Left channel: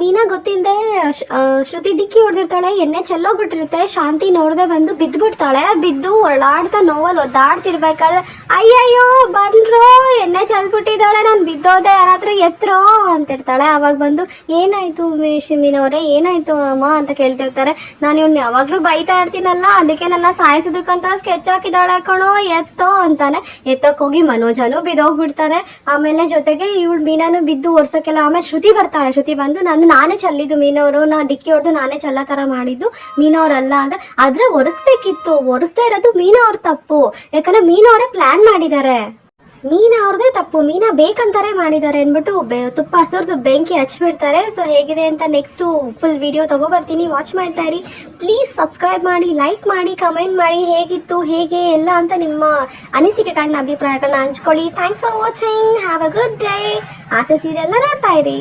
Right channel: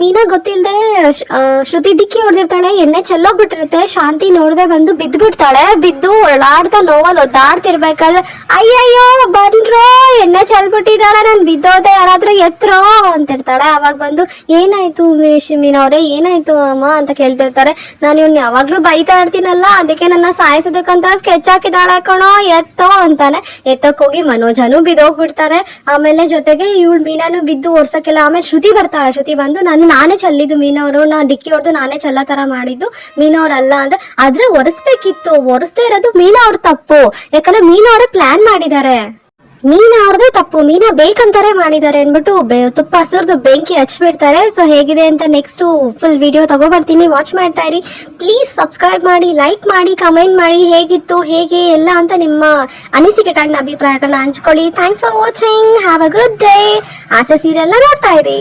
ಮೀನಾ ಗೊತ್ತಿಲ್ಲದೆ ಶ್ರುತಿ ಡಿಕ್ಕಿ ಹೊಡೆದಿರ್ತಾಳೆ, ಎಣ್ಣೆ ಚೆಲ್ಲೋಗ್ಬಿಟ್ಟಿರುತ್ತೆ. ಶಾಂತಿ ನೋಡದೆ ಬಂದು ಬಿದ್ದ್ಬಿಡ್ತಾಳೆ. ಬಿದ್ದು ಒಳಾಡ್ತಾ ನೋವಲ್ಲಿ ಒದ್ದಾಡ್ತಿರ್ಬೇಕಾದ್ರೆ ಅಯ್ಯಯ್ಯೋ ಬಂದ್ರು, ಎಣ್ಣೆ ಚೆಲ್ಬಿಟ್ಟಿದಾರೆ, ನಾನು ಬಿದ್ದೋದೆ, ಯಾರಾದ್ರೂ ಎತ್ರೋ ಅಂತಿರ್ತಾಳೆ. ಅವಾಗ ಬಂದು ಏನಾಯ್ತು ಮೀನವ್ರೆ, ಏನಾಯ್ತು ಅಮ್ಮ ಅಂತ ಕೇಳ್ತಿರ್ತಾರೆ. ನಾನು ಇವ್ನ ಯಾವಾಗ್ಲೂ ಬೈತಾ ಇರ್ತೀನಲ್ಲ, ಅದಕ್ಕೆ ನನ್ನ ಸಾಯಿಸೋದಕ್ಕಂತ ಸ್ಕೆಚ್ ಹಾಕಿದಾಳೆ ಕಣೋ, ಎತ್ತೋ ಅಂತಾನೆ. ಎತ್ತಕ್ ಹೋಗಿ ಮನೋಜನು ಬಿದ್ದೋಗ್ಬಿಡ್ತಾರೆ. ಆಮೇಲೆ ಜೊತೆಗೆ ಇವಳು ಮೀನಾನು ಬಿದ್ದು ಓಡ್ಸಕ್ಕೆಲ್ಲ. ಆಮೇಲೆ ಶ್ರುತಿ ಬರ್ತಾಳೆ. ಶ್ರುತಿ ಬಂದು ನಾನೇ ಚೆಲ್ಲಿದ್ದು ಮೀನವರು, ನಾನು ಡಿಕ್ಕಿ ಹೊಡೆದು ನಾನೇ ಚೆಲ್ಲ ತರ ಮಾಡಿದ್ದು, ಮೀನವ್ರಲ್ಲ ಅಂದ್ರೆ. ಆದ್ರೆ ಒರೆಸ್ಬೇಕಿತ್ತು, ಒರೆಸ್ದೇ ಇರೋದು ಮೀನವ್ರ ತಪ್ಪು. ಯಾಕಂದ್ರೆ ಮೀನವರೇ ಪ್ಲಾನ್ ಮಾಡಿದ್ದಾರೆ, ಮೀನಾ ಅವ್ರದೇ ತಪ್ಪು, ಮೀನಾ ಬೇಕಂತಾರೆ ಮಾಡಿದ್ದಾರೆ ಅನ್ಬಿಟ್ಟು ತುಪ್ಪ ಸುರಿದು ಬೆಂಕಿ ಹಚ್ಬಿಡ್ತಾರೆ. ಸೊ ಹೇಗಿದೆ ಅಂತ ನೆಕ್ಸ್ಟ್ ಫುಲ್ ವಿಡಿಯೋ ತಗೋಬರ್ತೀನಿ, ವಾಚ್ ಮಾಡ್ತಾ ಇರಿ. ಪ್ಲೀಸ್ ಸಬ್ಸ್ಕ್ರೈಬ್ ಮಾಡಿ, ಲೈಕ್ ಮಾಡಿ, ಕಮೆಂಟ್ ಮಾಡಿ, ಹೇಗಿತ್ತು ಹೇಗೆ ಎಲ್ಲ ಅಂತ ನಿಮ್ಮ ಅನಿಸಿಕೆಗಳನ್ನ, ಅಭಿಪ್ರಾಯಗಳನ್ನ ಹಂಚ್ಕೊಳ್ಳಿ. Thanks for watching, have a good day. ಆಸೆ ಸೀರಿಯಲ್ನ ನೋಡ್ತಾ ಇರಿ.